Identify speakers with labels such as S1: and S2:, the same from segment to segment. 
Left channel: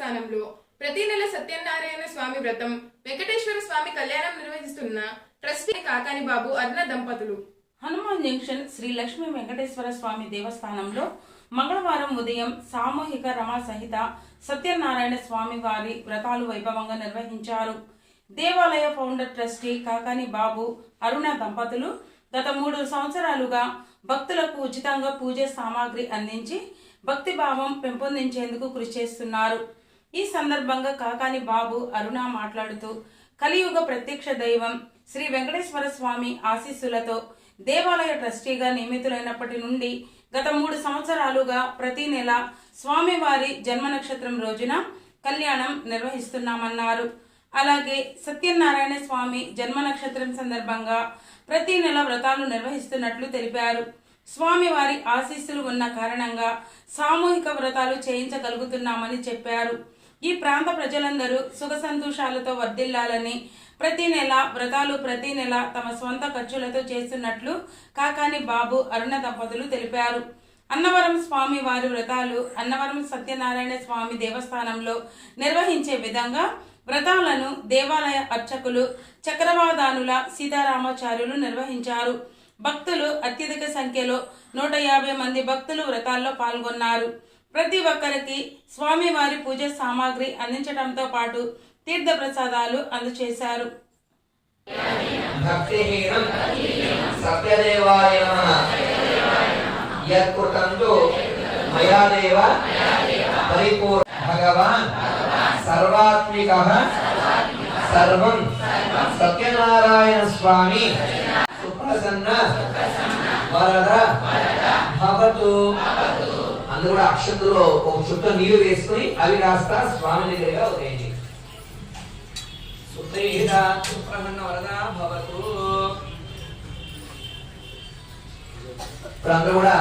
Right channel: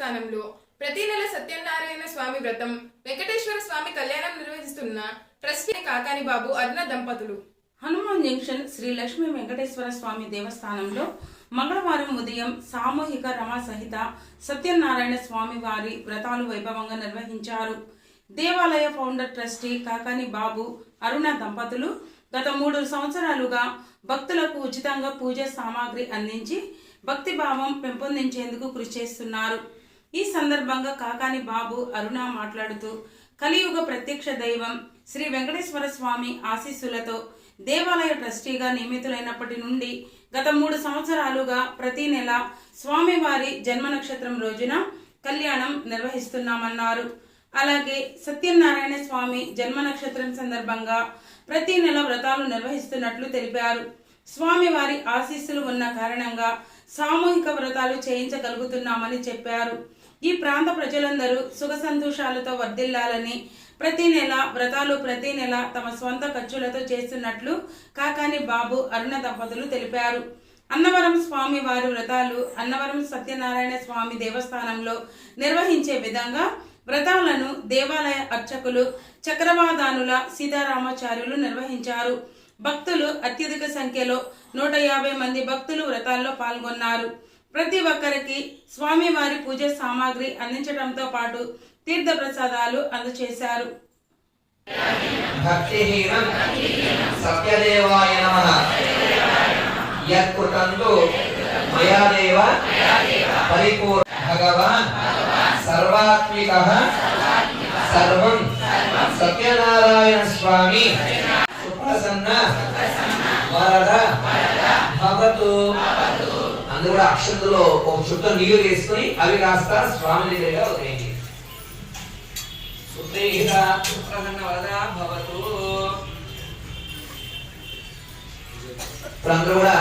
S1: దేవస్థానంలో ప్రతి నెల సత్యనారాయణ స్వామి వ్రతం వెంకటేశ్వర స్వామి కళ్యాణం నిర్వహిస్తున్న ట్రస్టీ కాకాని బాబు అర్ణ దంపతులు.
S2: హనుమాన్ జంక్షన్ శ్రీ లక్ష్మీ వెంకటేశ్వర స్వామి దేవస్థానంలో మంగళవారం ఉదయం సామూహిక రమా సహిత సత్యనారాయణ స్వామి వారి వ్రతాలు వైభవంగా నిర్వహించారు. దేవాలయ ఫౌండర్ ట్రస్టీ కాకాని బాబు అరుణ దంపతులు గత మూడు సంవత్సరాలుగా భక్తులకు ఉచితంగా పూజ సామాగ్రి అందించి భక్తిభావం పెంపొందించేందుకు కృషి చేస్తున్నారు. ఈ సందర్భంగా కాకాని బాబు అరుణ మాట్లాడుతూ కలియుగ ప్రత్యక్ష దైవం శ్రీ వెంకటేశ్వర స్వామి ఆశీస్సులతో దేవాలయ ట్రస్టీగా నియమితులైనప్పటి నుండి గత మూడు సంవత్సరాలుగా ప్రతి నెల స్వామివారి జన్మ నక్షత్రం రోజున కళ్యాణం నిర్వహిస్తున్నామన్నారు. అలాగే సత్యనారాయణ స్వామి జన్మ నక్షత్రం సందర్భంగా ప్రతి నెల వ్రతాలు నిర్వహిస్తున్నట్లు తెలిపారు. స్వామివారి ఆశీస్సులు ఉన్న కారణంగా సామూహిక వ్రతాలు చేయించగలుగుతున్నామని చెప్పారు. ఈ ప్రాంత ప్రజలందరూ సుఖ సంతోషాలతో వర్ధిల్లాలని ప్రతి నెల వ్రతాలు ప్రతి నెల తమ స్వంత ఖర్చులతో చేస్తున్నట్లు కాకాని బాబు అరుణ దంపతులు తెలిపారు. అన్నవరం స్వామి వారి వ్రతాలు అన్నవరం సత్యనారాయణ స్వామి దేవస్థానంలో నిర్వహించే విధంగా వ్రతాలను దేవాలయ అర్చకులు చక్రవాదానుల సీతారామాచార్యులు నిర్వహించారు. భక్తులు అత్యధిక సంఖ్యలో నూట యాభై మంది భక్తులు వ్రతాల్లో పాల్గొన్నారు. ప్రతి ఒక్కరికి స్వామివారి పూజ సామాగ్రి అందించడంతో పాటు తీర్థ ప్రసాదాలు అందజేశారు
S3: భక్తిహీనం సత్యదేవాయ నమ. యత్కృతంతు మయా పరిపూర్ణ. భగవాన్ సర్వాత్మిక. సర్వం సత్యనారాయణ స్వామి. సుప్రసన్న వరద భవతు. అందరూ కూడా అక్షంతులో ఒక చుట్ట నీరు వేసుకొని అవి కాస్త స్వామి వరద భవతు. ఇప్పుడు కూడా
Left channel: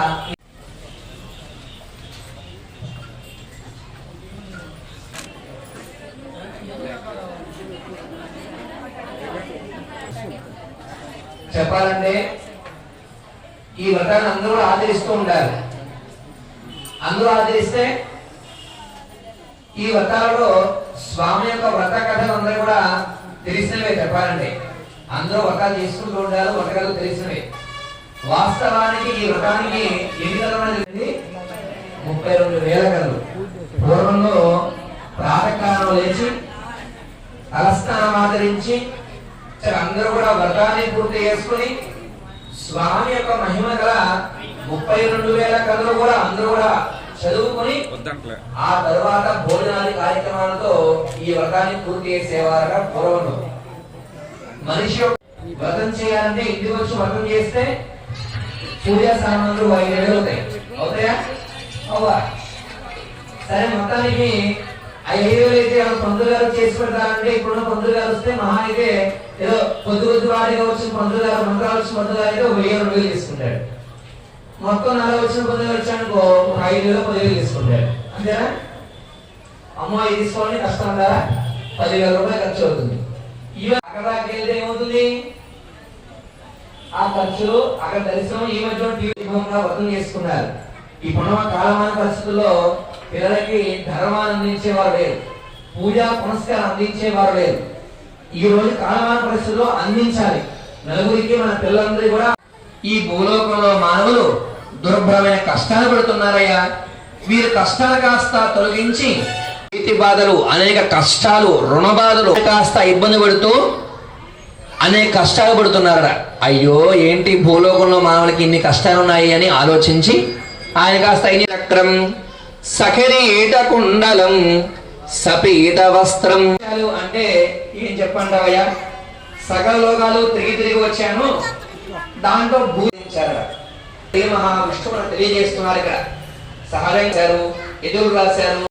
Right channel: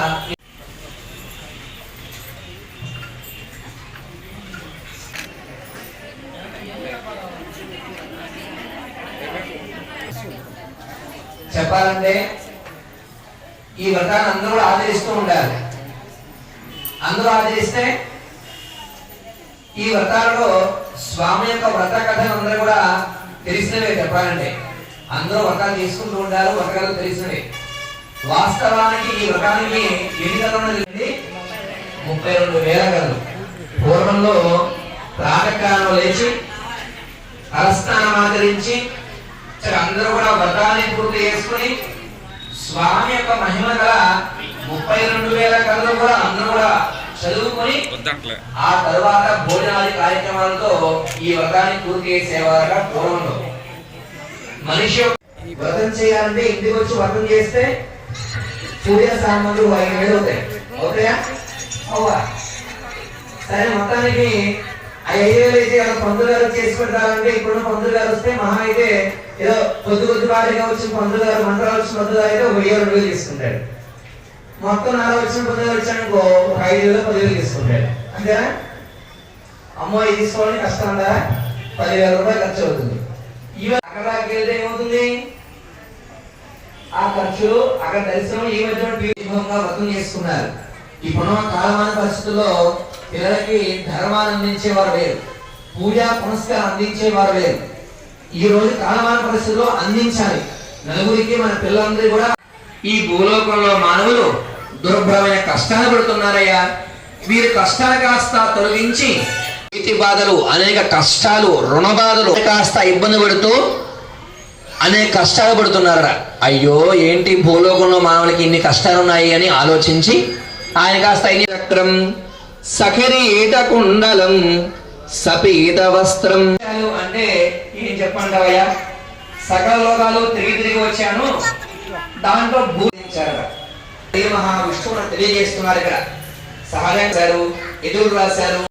S3: చెప్పాలంటే ఈ వ్రతాన్ని అందరూ ఆచరిస్తూ ఉండాలి. అందరూ ఆచరిస్తే ఈ వ్రతాలలో స్వామి యొక్క వ్రత కథలు అందరూ కూడా తెలిసినవే చెప్పాలంటే. అందరూ వ్రతాలు చేసుకుంటూ ఉండాలి వ్రతకథలు తెలిసినవి. తెలిసినవే వాస్తవానికి ఈ వ్రతానికి ఎన్ని కథలు ఉన్నది ముప్పై రెండు వేల కథలు. పూర్వంలో ప్రాతకాలం లేచి తలస్నానం ఆచరించి అందరూ కూడా వ్రతాన్ని పూర్తి చేసుకుని స్వామి యొక్క మహిమ గల ముప్పై రెండు వేల కథలు కూడా అందరూ కూడా చదువుకొని ఆ తరువాత భోజనాది కార్యక్రమాలతో ఈ వ్రతాన్ని పూర్తి చేసేవారుగా పూర్వంలో మనిషి వ్రతం చేయాలంటే ఇంటికి వచ్చి వ్రతం చేస్తే పూజా సామాన్లు ఐదు వేలు అవుతాయి. అవుతాయా? అవువా? సరే మొత్తానికి ఐదు వేలు అయితే పంతులు గారు చేసి పెడతారంటే ఇప్పుడున్న పంతులు గారు వస్తే మహా అయితే ఏదో కొద్ది కొద్ది వారిగా వచ్చిన పంతులు గారు మంత్రాలు వచ్చిన పంతులు గారు అయితే వెయ్యి రెండు వేలు తీసుకుంటాడు మొత్తం నెల వచ్చిన పంతులు వచ్చానుకో ఒక ఐదు వేలు పదివేలు తీసుకుంటాడు అంతేనా? అమ్మో ఇది తీసుకోవాలని కష్టం అంటారా? పదివేల రూపాయలు ఖర్చు అవుతుంది. ఇవి అక్కడ వెళ్తే ఏమవుతుంది? ఆ ఖర్చులు అక్కడ దర్శనం ఈ మధ్య దీపంగా వర్తం చేసుకున్నారు. ఇప్పుడున్న కాలమాన పరిస్థితుల్లో పిల్లలకి ధర్మాన్ని అందించేవారు లేరు. పూజా పునస్కారం అందించేవారు లేరు. ఈ రోజు కాలమాన పరిస్థితుల్లో అందించాలి. నలుగురికి మన పిల్లలందరూ కూడా ఈ భూలోకంలో మానవులు దుర్భరమైన కష్టాలు పడుతున్నారయ్యా. వీరి కష్టాలు కాస్త తొలగించి నీతి బాధలు అనేక కష్టాలు రుణ బాధలు కాస్త ఇబ్బంది పడుతూ అనేక కష్టాలు పడుతున్నారట. అయ్యో ఏంటి భూలోకంలో మానవులకి ఇన్ని కష్టాలు ఉన్నాయి అని ఆలోచించి ఆయన కాస్త ఇన్ని చక్రం సఖరీట కుండలం సపీత వస్త్రం. అంటే ఏం చెప్పండి సకల లోకాలు తిరిగి తిరిగి వచ్చాను. దాంట్లో భూమించారు శ్రీ మహావిష్ణువు తెలియజేస్తున్నారు ఇక్కడ. సహాయం గారు ఎదురు రాశారు.